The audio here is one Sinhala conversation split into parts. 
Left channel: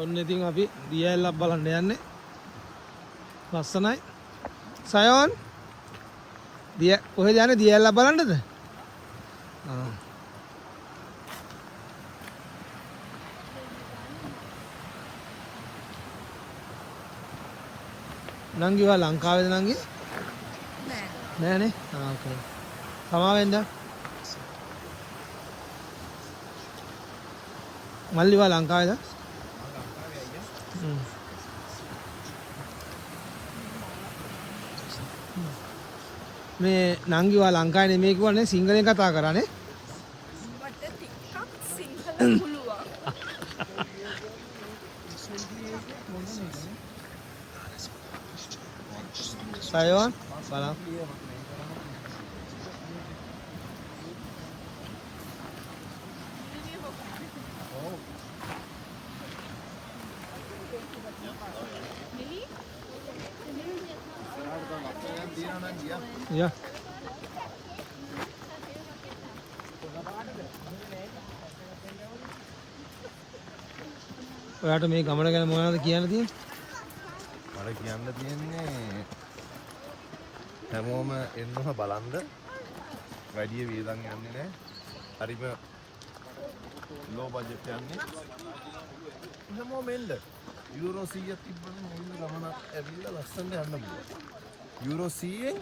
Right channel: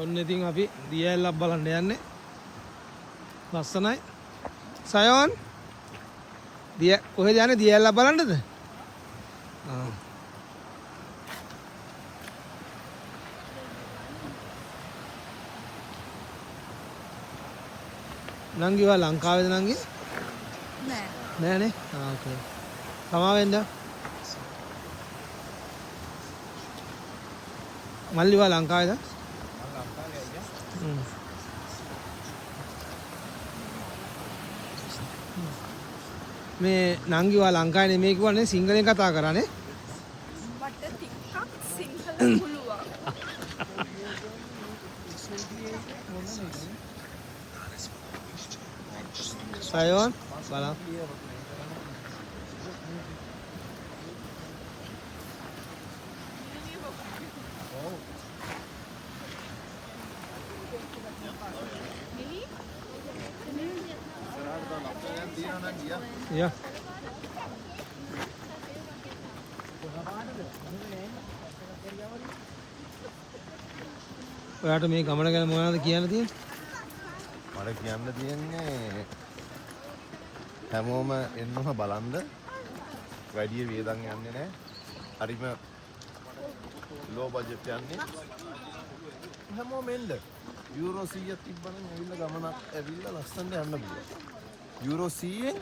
ඔන්න ඉතින් අපි දියැලක් බලන්න යන්නේ. ලස්සනයි. සයෝන් දිය කොහෙද යන්නේ දියැලක් බලන්නද? නංගි වා ලංකාවේද නංගි? නෑ. නෑනේ. ඕකේ. සමාවෙන්ද? මල්ලි වා ලංකාවේද? මේ නංගි වා ලංකාවේ නෙමෙයි කිව්වනේ සිංහලෙන් කතා කරන්නේ. මට ටිකක් සිංහල පුළුවන්. සයෝන් බලන්න. Ja. ඔයාට මේ ගමන ගැන මොනවද කියන්න තියෙන්නේ? මට කියන්න තියෙන්නේ හැමෝම එන්නක බලන්න. වැඩි වේදන් යන්නේ නැහැ. හරිම ලෝ බජට් යන්නේ. හැමෝම එන්න. යුරෝ 100ක් තිබ්බනම් මෙන්න ගමනක් ඇවිල්ලා ලස්සනට යන්න පුළුවන්. යුරෝ 100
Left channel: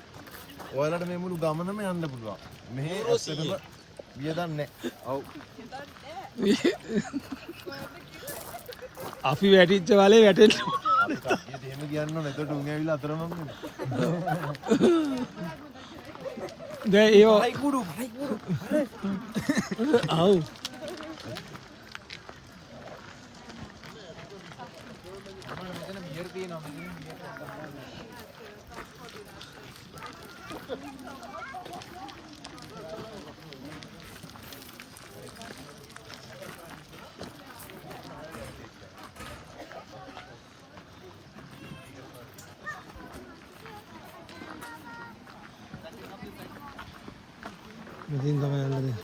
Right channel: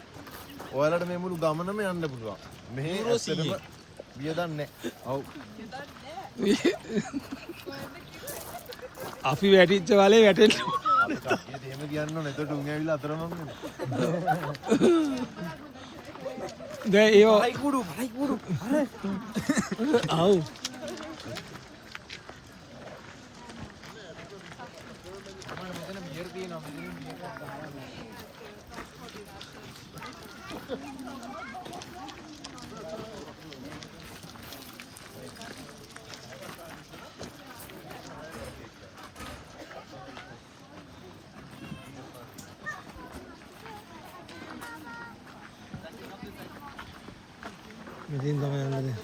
ඔයාලට මේ මුළු ගමනම යන්න පුළුවන්. මෙහෙ යුරෝ 100 වියදම් නැහැ. ඔව්. අපි වැටිච්ච වලේ වැටෙන්න. එහෙම කියන්න මෙතන උන් ඇවිල්ලා අතරමං දැන් ඒව හයි කුඩු ආව් මෙතෙන් තමයි යන්නේ.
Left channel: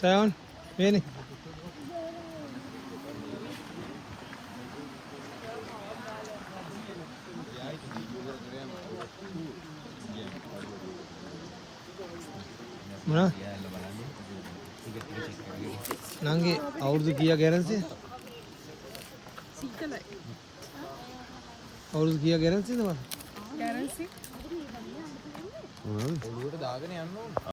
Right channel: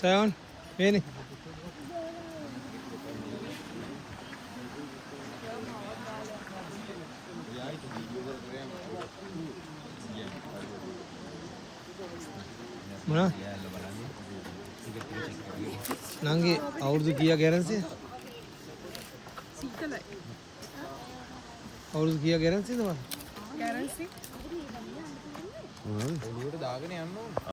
සයෝන් එන්නේ. මොනා? නංගි අවුරුදු කීයක් ගැරන්සිද? සිංහලයි. අවුරුදු කීයක් ගැරන්සිද මම? ගැරන්සි. ඔළුවට දාගෙන යන්න ඕනේ.